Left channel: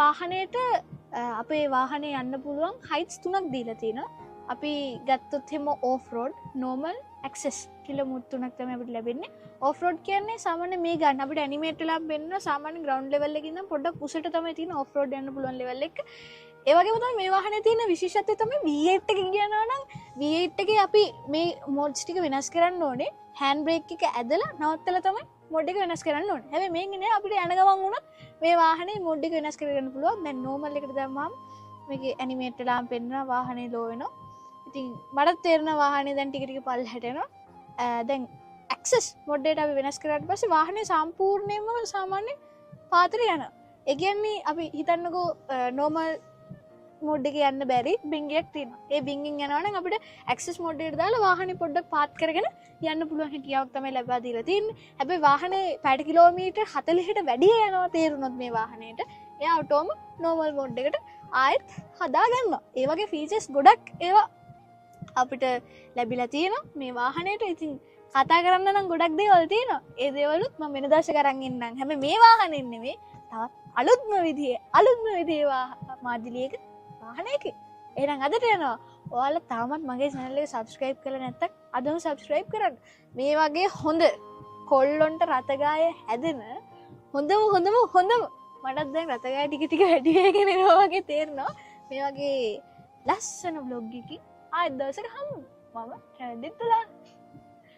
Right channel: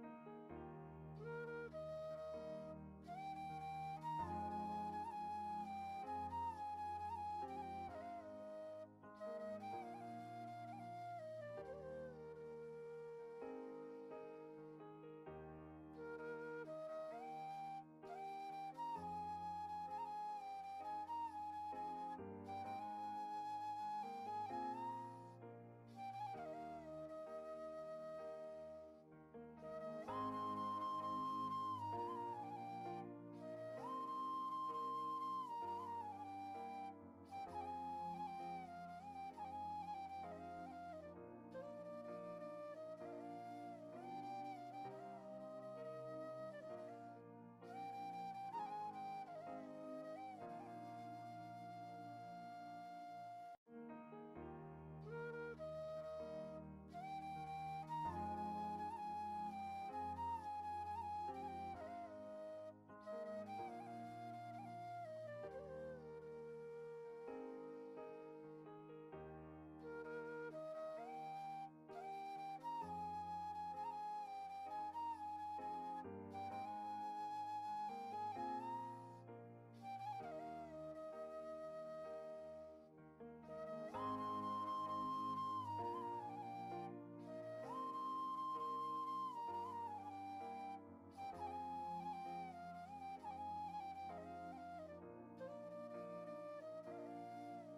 වාහනයට අපේ වාහනේ යන්න පුළුවන් හයිට්ස් 3ක් දීලා තියෙනවා. අපි ගත්තොත් එහෙම ඕෆ් රෝඩ්, නෝමල්, ඇක්සස් කියලා මුත් 3ක් තමයි අපිට ලැබෙන්නේ. ඕෆ් රෝඩ් කියන්නේ සාමාන්‍ය මේ ගන්න අපිට ඇනිමේට් වෙලා වෙන්න සාමාන්‍ය ග්‍රවුන්ඩ් ලෙවල් එකකින් ඉඳන් පොඩ්ඩක් උසට තමයි තියෙන ඕෆ් රෝඩ් යන්න පුළුවන් ලෙවල් එක. ඒ වගේම තමයි මේ වාහනේ තියෙන විශේෂත්වය තමයි V8 එකකින් යනවා නම් V8 එකේ අපි මේ මොඩ්ස් ටික වෙනස් කරන්න ඕනේ. හෑන්ඩ් බ්‍රේක් එක ඇදලා නවත්තලා තමයි මොඩ් එක වෙනස් කරන්න ඕනේ. හැබැයි මේකේ නෑ අපිට යන ගමන් වුණත් මේ වාහනේ මොඩ් එක වෙනස් කරගන්න පුළුවන්. දැන් නෝමල් එකට දැම්මම මේකේ ඇනිමේට් වෙලාම පෙන්නනවා වාහනේ ලෝ වෙනවා. ඉතින් මට තේරෙන වාහනේ දැන් ටික ටික පල්ලෙහාට එනවා. දැන් ඇක්සස් මොඩ් එකට අපි වෙනස් කරාට පස්සේ වාහනේ සම්පූර්ණයෙන්ම සාමාන්‍ය පාතට යනවා. ඒ කියන්නේ අපි හිතන්නකෝ නෝමල් මොඩ් එකේ යන්න බැරි බින්ගයක් තියෙනවා. ඒ බින්ගින් යනවා නම් අපිට ඇක්සස් මොඩ් එකට දාලා වාහනේ පොඩ්ඩක් පාත් කරගෙන යන්න පුළුවන් හැකියාවක් තමයි ලැබලා දීලා තියෙන්නේ. හැබැයි වාහනේ පැයට කිලෝමීටර් 40ට වැඩිය යනවා තේරුනොත් මේ වාහනේට. එයා ඔටෝම නෝමල් මොඩ් එකට ආයෙත් හදා ගන්නවා. ඒ වගේ ෆීචර්ස් ගොඩක් ඒවා අපිට ලැබිලා තියෙනවා මේ වාහනේට. ඉතින් කතා කරන්න නම් ගොඩක් දේවල් තියෙනවා. ඒ දේවලුත් මම වෙන දවසක අරන් එන්නම්. හැබැයි මේ වාහනේ නෙමෙයි තවත් අලුත්ම විදිහේ මාදිලියක වාහනයක. එහෙනම් අදට යනවා. ඔයාලා තාමත් මගේ channel එක subscribe කරලා නැත්නම් අදම subscribe කරන්න. මේ වගේ හොඳ කොල්ලොන්ට රතගාය හැදෙන හොඳම මටත් දැන් රතගාය ටික ටික වැඩි වෙගෙන එනවා වගේ තේරෙනවා. මේ වගේ ලස්සන vlog එකකින් ආයෙත් දවසක හමු. මම හැන්දිත් තුලා